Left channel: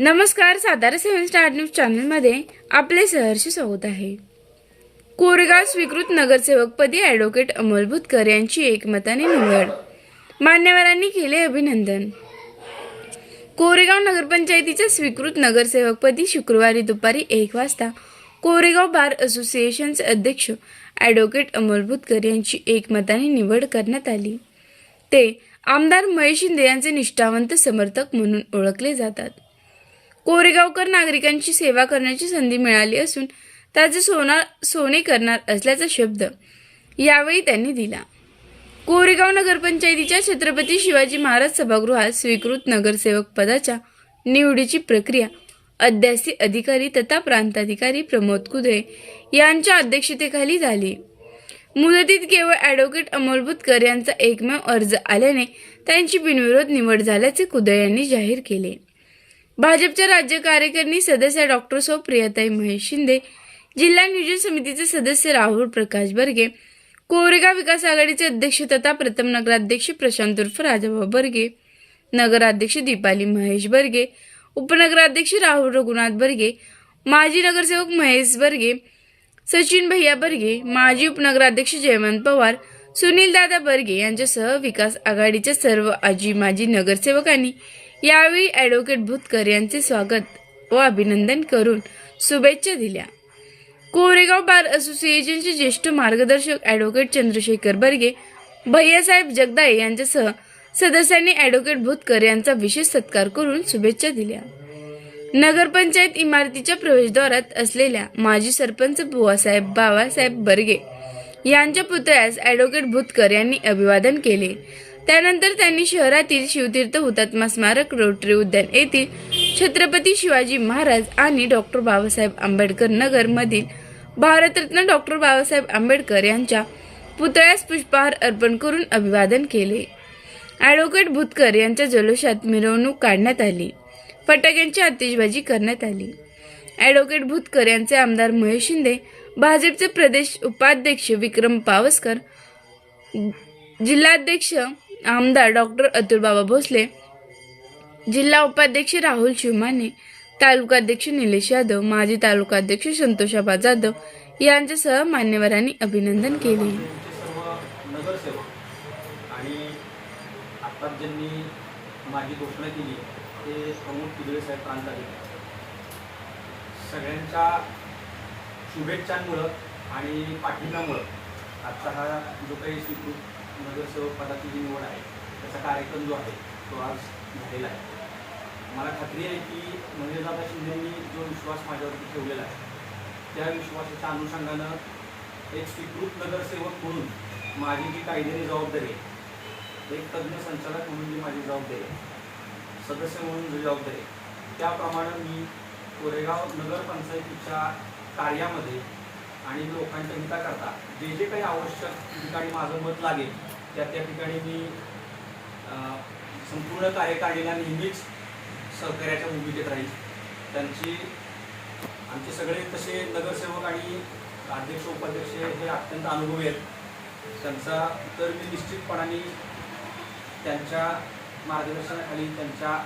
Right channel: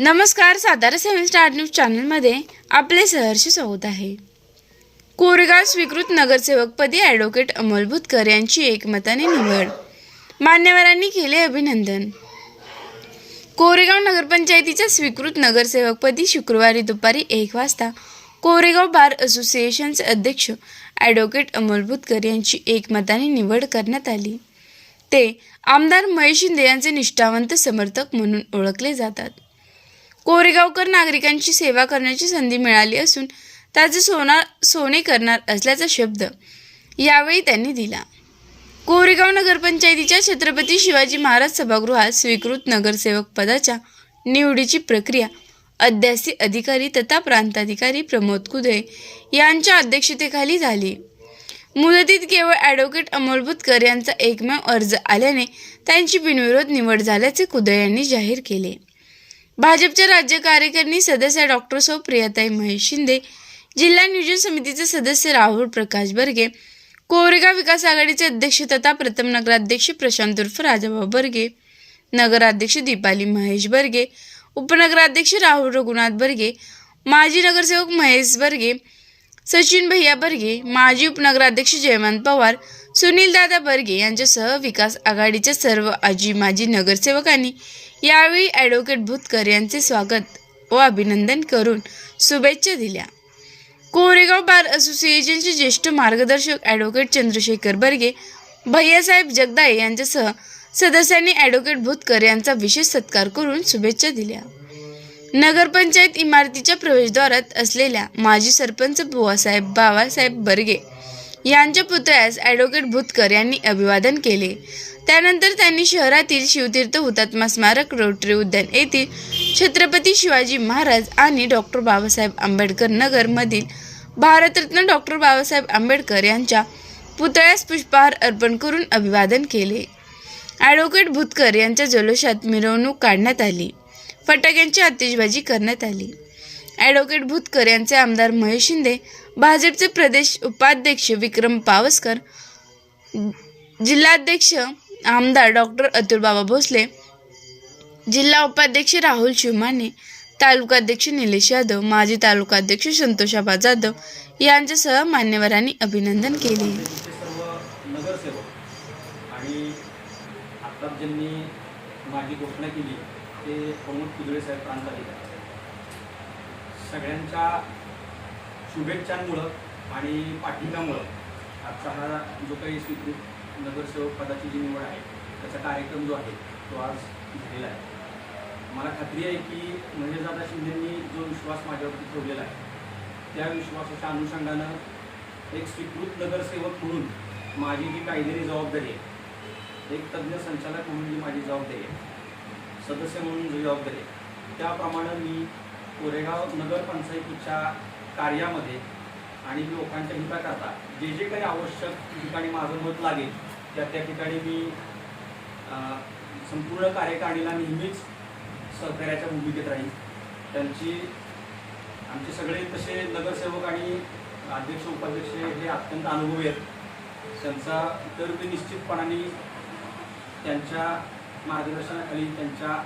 नमस्कार सातारा सेवन star news चॅनलमध्ये आपले सहर्ष स्वागत आहे. कोरेगाव स्वीकृत नगरसेवकपदी ॲडव्होकेट अमोल भुतकर यांची एकमताने निवड. मान्यवरांनी केले अभिनंदन. कोरेगाव नगरपंचायतीच्या स्वीकृत नगरसेवकपदी शुक्रवारी दुपारी एक वाजता कोरेगाव बार असोसिएशनचे अध्यक्ष ॲडव्होकेट अमोल भुतकर यांची एकमताने निवड करण्यात आली. ते आमदार महेश शिंदे यांचे निष्ठावंत समर्थक म्हणून ओळखले जातात. कोरेगावकर नागरिकांची सेवा करण्याची संधी मिळाली असून त्याचे सोना सोने करणार असल्याचा शब्द यावेळी त्यांनी दिला. कोरेगाव नगरपंचायतीच्या छत्रपती शिवाजी महाराज सभागृहात स्वीकृत नगरसेवक पदाच्या निवडीची प्रक्रिया अध्यासी अधिकारी तथा प्रांताधिकारी प्रमोद कुदळे यांच्या अध्यक्षतेखाली झाली. मुदतीत केवळ ॲडव्होकेट अमोल भुतकर यांचा एकमेव अर्ज आल्याने त्यांची बिनविरोध निवड झाल्याचे कुदळ यांनी जाहीर केले. भाजपच्या राज्य कार्यकारिणी सदस्य डॉक्टर सौ प्रियाताई महेश शिंदे जिल्हा नियोजन समितीचे सदस्य राहुल प्रकाश बर्गे कोरेगाव विकास आघाडीचे अध्यक्ष तथा प्रथम नगराध्यक्ष प्रशांत उर्फ राजाभाऊ बर्गे नगराध्यक्ष दीपाली महेश बर्गे उपनगराध्यक्ष राहुल रघुनाथ बर्गे माजी नगरसेवक महेश बर्गे सचिन भैया बर्गे माजी उपनगराध्यक्ष जयवंत पवार सुनील दादा बर्गे यांच्यासह विकास आघाडीच्या सर्व आजी माजी नगरसेवकांनी यावेळी ॲडव्होकेट भुतकर यांचे स्वागत व अभिनंदन करून शुभेच्छा दिल्या. कोरेगाव बार असोसिएशनचे ज्येष्ठ मार्गदर्शक ॲडव्होकेट चंद्रशेखर बर्गे भैयासाहेब जगदाळे यांच्यासह सदस्यांनी ॲडव्होकेट भुतकर यांचा विशेष सत्कार करून शुभेच्छा दिल्या. नगरपंचायत इमारतीच्या प्रवेशद्वारात असलेल्या माजी सरपंच बुवासाहेब बाबासाहेब बर्गे यांच्या पुतळ्यास ॲडव्होकेट भुतकर यांनी अभिवादन केले. त्यानंतर त्यांनी शहरातील शिवतीर्थ हुतात्मा स्मारक रोटरी उद्यान येथील छत्रपती शिवाजी महाराज आणि डॉक्टर बाबासाहेब आंबेडकर नगर मधील भारतरत्न डॉक्टर बाबासाहेब आंबेडकर यांच्या पुतळ्यास पुष्पहार अर्पण करून अभिवादन केले. ॲडव्होकेट भुतकर यांच्या जल्लोषात मिरवणूक काढण्यात आली. फटाक्यांची आतिषबाजी करण्यात आली. ॲडव्होकेट भुतकर यांचे आमदार महेश शिंदे भाजपचे प्रदेश उपाध्यक्ष विक्रम पावसकर जिल्हाध्यक्ष आमदार डॉक्टर अतुलबाबा भोसले जिल्हा उपाध्यक्ष राहुल शिवमाने तालुकाध्यक्ष निलेश यादव माजी तालुकाध्यक्ष संतोषाबा जाधव यांच्यासह मान्यवरांनी अभिनंदन केले. आणि ज्यांनी माझी घोषणा केली ते प्रमोद कुदळे साहेब प्रांताधिकारी. सगळ्यांच्या शुभेच्छांमुळं आणि पाठिंब्यामुळं आजचा हा जो काही स्वीकृत नगरसेवक पदाची जी निवड आहे त्याचा कार्यक्रम जो आहे तो आज झालेला आहे. मला खात्री आहे की दादा शिंदेंनी जो विश्वास माझ्यावरती ठेवलेला आहे त्या विश्वासाच्या अनुषंगानं एक स्वीकृत नगरसेवक म्हणून माझी जी कायदेरी जबाबदारी आहे एक तज्ज्ञ संचालक म्हणून जी माझी जबाबदारी आहे सदस्य म्हणून जी जबाबदारी आहे त्याप्रमाणे मी कोरेगाव नगरपंचायतीच्या कार्यामध्ये आणि लोकांच्या हिताकरता जे जे काही आवश्यक ठिकाणी माझं मत लागेल त्या त्या ठिकाणी मी संपूर्ण कार्यकारिणीला नेहमीच सहकार्याच्या भूमिकेत राहील. त्यांची आमचे सगळे तसे नगरसेवक आणि अध्यक्ष उपाध्यक्ष हे अत्यंत अनुभवी आहेत. त्यांचा तर मी निश्चितपणाने त्यांच्या मार्गदर्शनाखाली त्यांच्या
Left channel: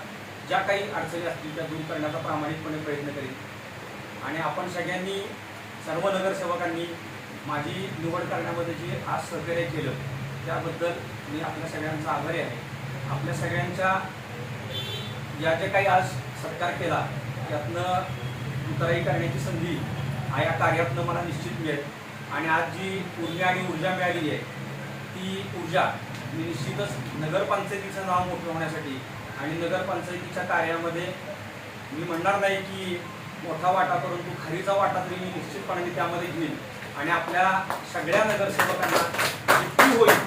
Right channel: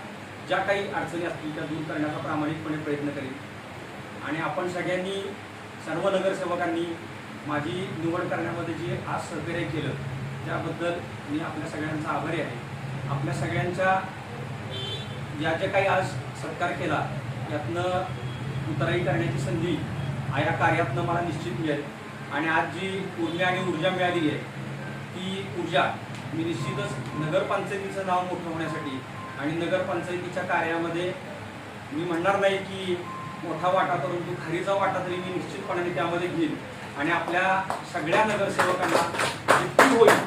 ज्या काही अडचणी असतील त्या दूर करण्याचा प्रामाणिकपणे प्रयत्न करीन. आणि आपण सगळ्यांनी सर्व नगरसेवकांनी माझी निवड करण्यामध्ये जे आज सहकार्य केलं त्याबद्दल मी आपल्या सगळ्यांचा आभारी आहे. आपल्या सगळ्यांच्या या जे काही आज सत्कार केला त्यातनं उतराई करण्याची संधी या कार्यातनं मला निश्चित मिळेल. आणि आज जी ऊर्जा आणि ऊर्जा मिळाली आहे ती ऊर्जा मी निश्चितच नगरपंचायतीचं नाव मोठं होण्यासाठी आणि नगरपंचायतीच्या कार्यामध्ये मी म्हणणार नाही की मोठा वाटा परंतु खरीचा वाटा तरी मी निश्चितपणाने त्यामध्ये घेईन आणि आपल्या सगळ्या नगरसेवकांना किती होईल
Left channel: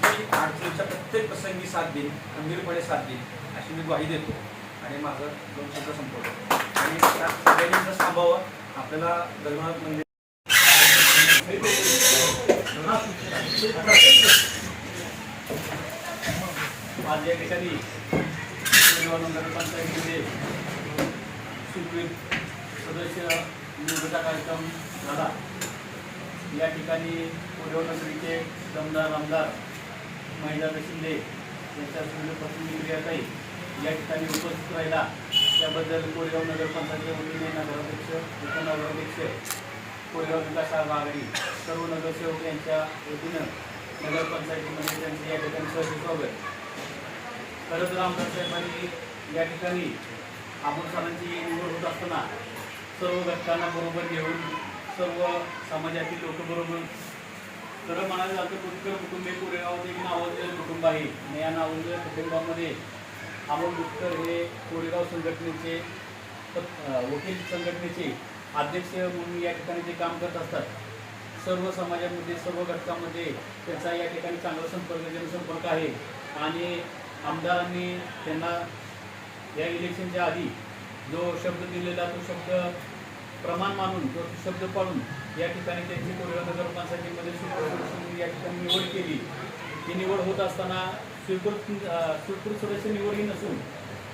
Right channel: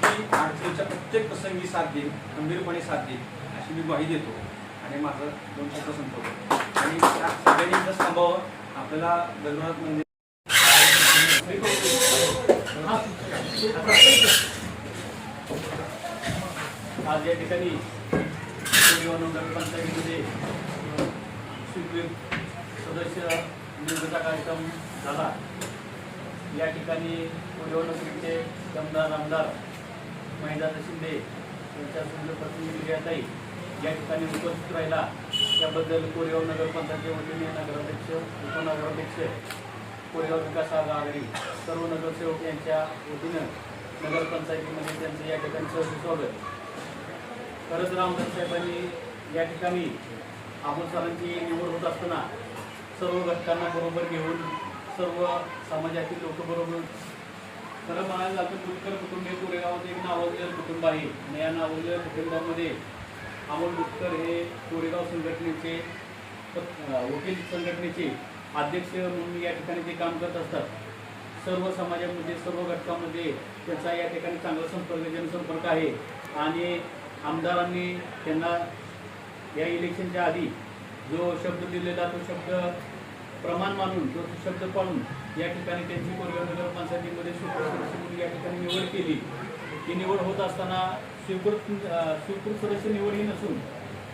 की अडचणीच्या प्रत्येक प्रसंगी साथ देईन गंभीरपणे साथ देईन अशी मी ग्वाही देतो आणि माझं दोन शब्द संपवतो आणि सगळ्यांनी थांबावं आपल्याला जगन्नाथ मंदिर आज या ठिकाणी कोरेगाव नगरपंचायतीमध्ये स्वीकृत सदस्य निवडीचा कार्यक्रम झाला. या ठिकाणी कोरेगाव नगरीचे दमदार आमदार महिला शिंदे यांच्या विविध प्रतिनिधी काही या ठिकाणी उपस्थित राहिला. त्याबद्दल कोरेगाव नगरपंचायतच्या वतीने नगराध्यक्ष उपनगराध्यक्ष कोरेगाव विकास आघाडी सर्व नगरसेवक यांच्या वतीनं नगरपंचायतीमध्ये त्यांचं या ठिकाणी सहर्ष स्वागत खरंच रामदास साहेबांनी या ठिकाणी अमोल सरांची निवड होत असताना सर्व घटकांना बरोबर घेऊन सर्व समाजातील लोक बरोबर खरं म्हणायला जातं कुटुंब कुटुंबे कोरेगावात एक नावाजलेलं कुटुंब आहे. आणि या नावाजलेल्या कुटुंबामध्ये अमोल बुटकर हे कोरेगाव संघटनेचे वकील संघटनेचे अध्यक्ष म्हणून या ठिकाणी जे काम करत असतात सर्व समाजामध्ये सर्व घटकामध्ये त्यांचा या ठिकाणी चांगला संपर्क जनसंपर्क आहे. आणि आमदारांनी त्यांना या इलेक्शनच्या आधी जो शब्द दिलेला तो शब्द प्रमाण मानून तो शब्द पाळून या ठिकाणी त्यांची कोरेगाव नगरपंचायतीमध्ये स्वीकृत या ठिकाणी निवड केली. ती निवड होत असताना स्वीकृत स्वीकृत सदस्य निवड ही नसून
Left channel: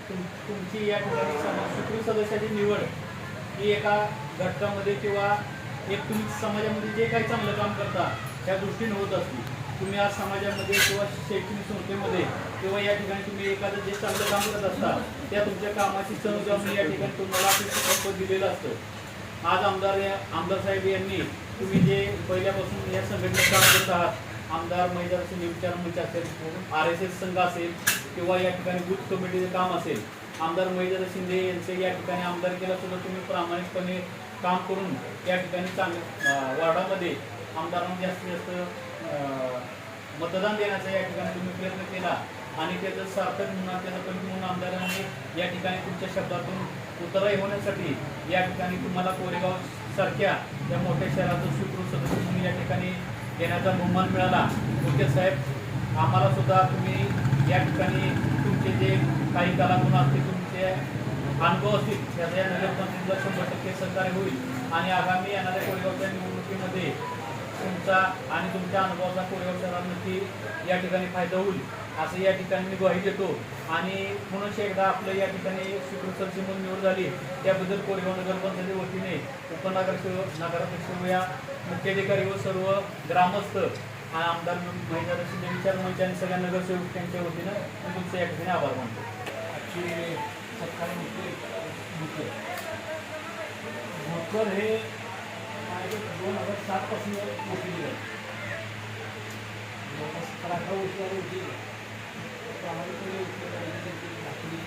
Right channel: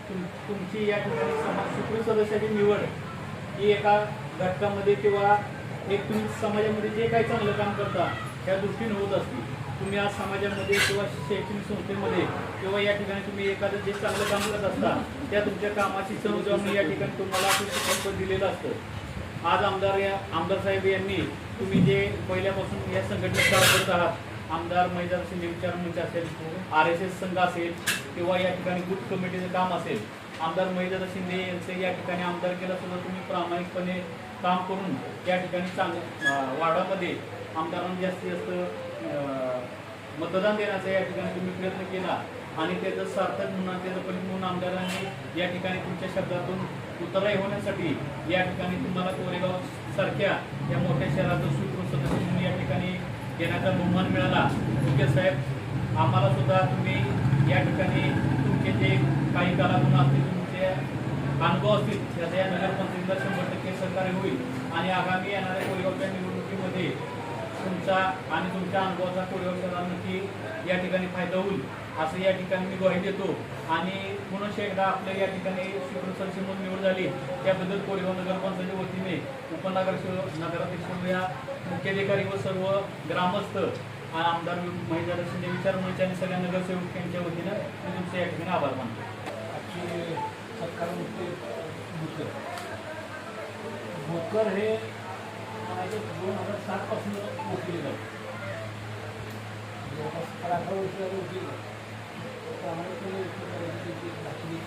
तुम तुमची या ठिकाणी समाज स्वीकृत सदस्याची निवड ही एका घटकामध्ये किंवा एक तुम्ही समाजामध्ये जे काही चांगलं काम करता त्या दृष्टीने होत असते तुम्ही आज समाजामध्ये किंवा शैक्षणिक संस्थेमध्ये किंवा या ठिकाणी तुम्ही एखादं जे चांगलं काम करत असता त्या तुमच्या कामाची समजावून या ठिकाणी तुम्हाला अपेक्षित दिलेलं असतं. आज आमदार या आमदार साहेब यांनी तुम्ही जे पहिल्यापासून या संघटनेत काम करत आहात आमदार महिला शिंदे विचार मंच असेल आर एस एस संघ असेल किंवा या ठिकाणी बूथ कमिटीचं काम असेल आमदार महिला शिंदे यांचे या ठिकाणी आमदार केला सुद्धा तुम्ही प्रामाणिकपणे काम करून या ठिकाणी चांगलं वार्डामध्ये आमदारांना जास्तीत जास्त मतदान देण्याचा या ठिकाणी तुम्ही प्रयत्न केला. आणि त्याचं सार्थक म्हणून त्याचं पण म्हणून आमदारांनी या ठिकाणी तुमच्या शब्दातून उतराई होण्यासाठी या ठिकाणी तुम्हाला कोरेगाव सारख्या या मोठ्या शहराचं स्वीकृत सदस्य म्हणून या ठिकाणी घेण्याचा बहुमान मिळाला. ओके साहेब आम्हाला सुद्धा तुम्ही या ठिकाणी तुमचे जे काही कलागुण असतील तुमचे अनुभव असतील त्याचा या नगरपंचायतीला शंभर टक्के सहकार्य होईल. आणि आगामी येणाऱ्या कोरेगावच्या निवडणुकीमध्ये तुमचा आणि तुमच्या अनुभवाचा कोरेगाव नक्की या ठिकाणी फायदा होईल असं या ठिकाणी मी ग्वाही देतो. आणि म्हणून एकदा आपल्या या ठिकाणी स्वीकृत म्हणून निवड झाली. त्याबद्दल कोरेगाव नगरपंचायती वतीने उपनगरसेवक नगराध्यक्ष या मुख्याधिकारी व सर्व ग्रामस्थ आमदार महिला शिंदे विचार मंच आणि सगळ्या नगरसेवक यांच्या वतीनं मी तुमचे या ठिकाणी आभार मानतो. आजची सत्कार भोकर हे माझे दोन हजार सातपासून वकील आहेत जवळपास सतरा अठरा वर्ष झाले प्रामाणिकपणे वकील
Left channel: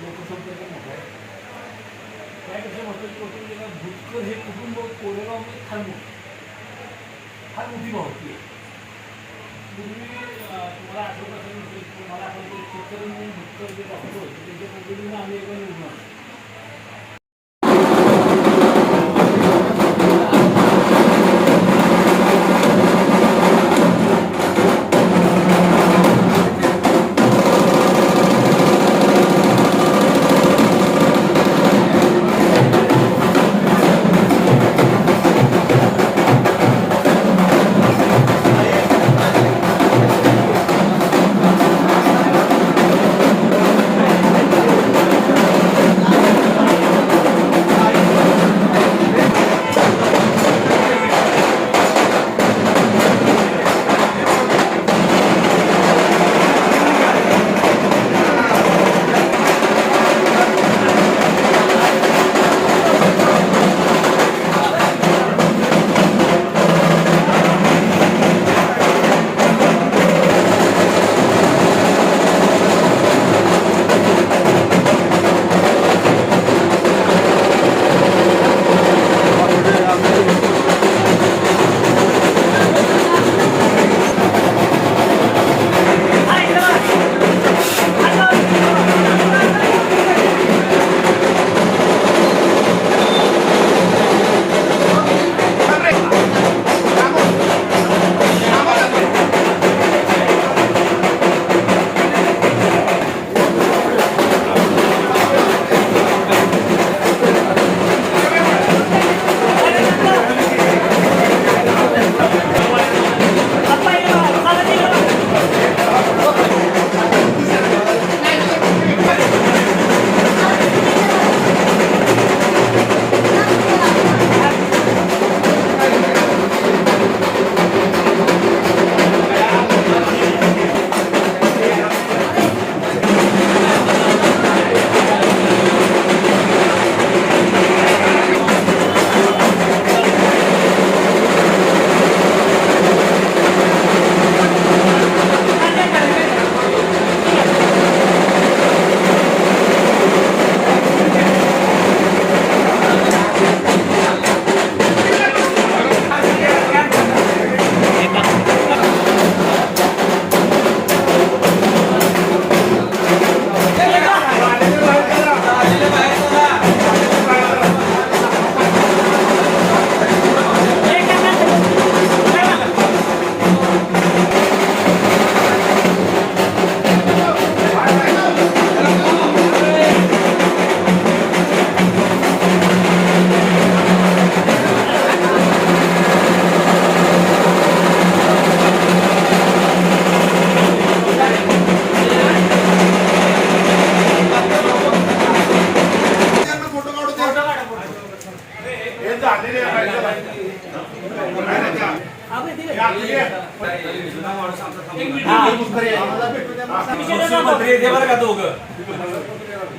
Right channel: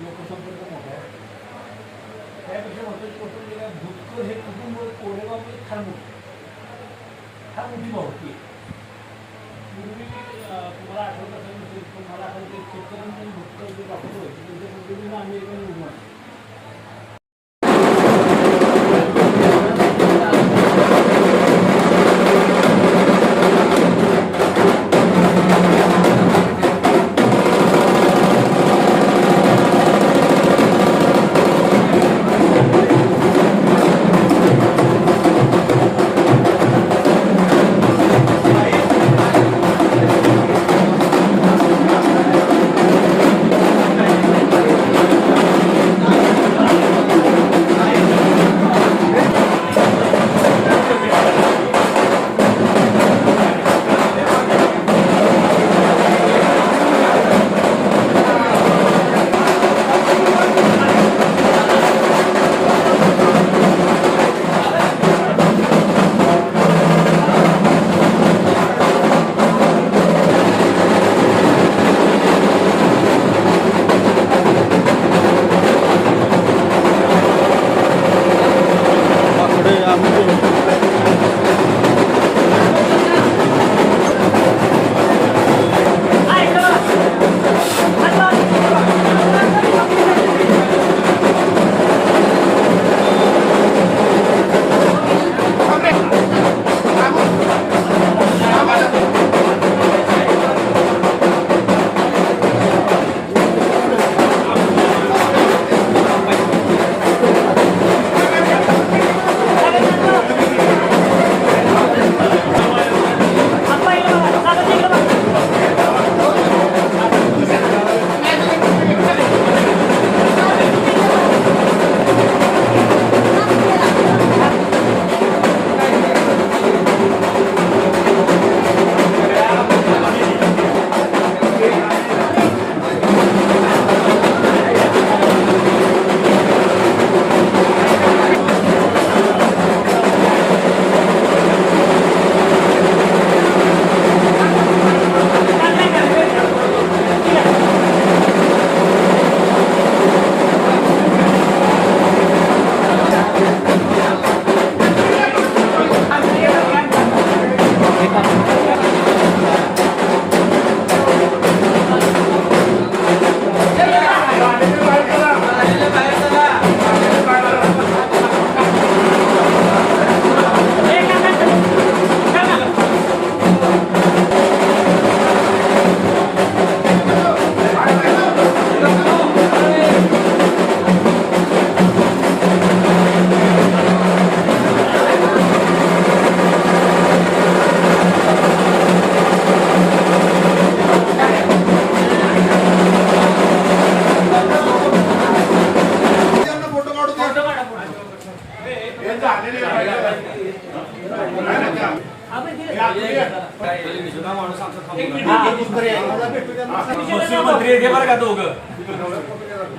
लोकसंपर्क मोठा आहे त्यापेक्षा म्हटलं कौटुंबिका भोकर हे कुटुंब कोरेगावमध्ये फार मोठं फार मोठी भावकी आहे पूर्वी तुम्हाला आठवत असेल पण मला आठवतं शेतकऱ्यांनी भुक्कर जे डॉक्टर होते त्यांच्या पद्धतीने आम्ही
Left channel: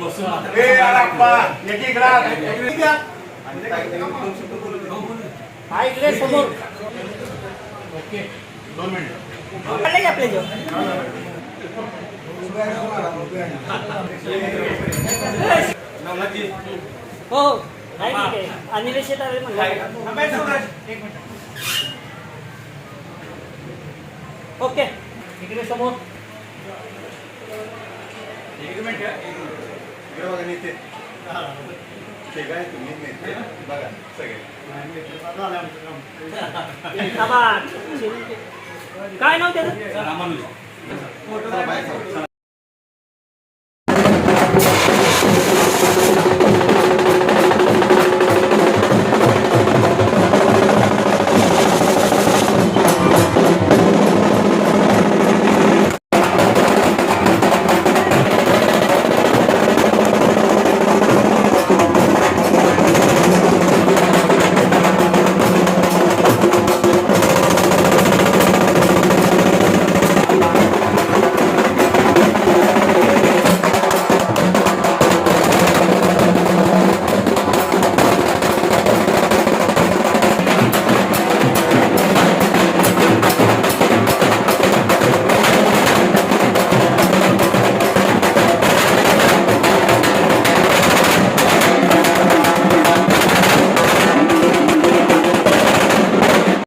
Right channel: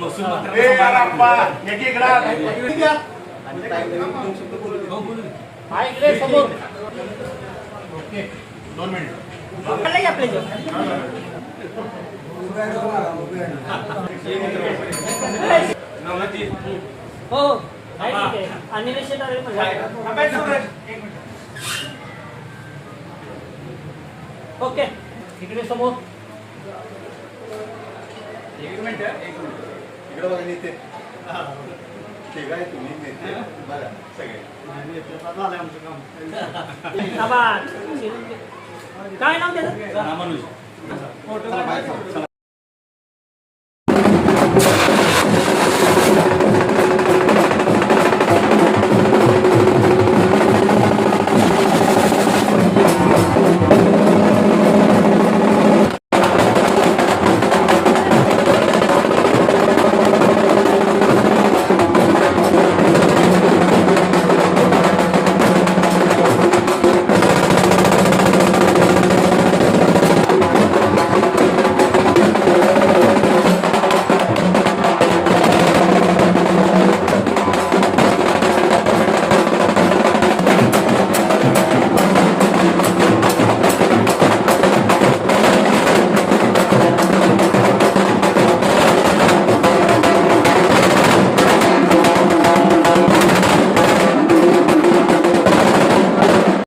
महसूल मंत्री हा, इकडे समोर. ओके. हो आहे. अनिलेश शेट आले म्हणलं. ओके. इकडे समोर. एक मिनिट एक मिनिट. इकडे बघा नेते. ठीक आहे तुम्ही नेते. बघा सगळे. थांबा. काय नाव त्याचं?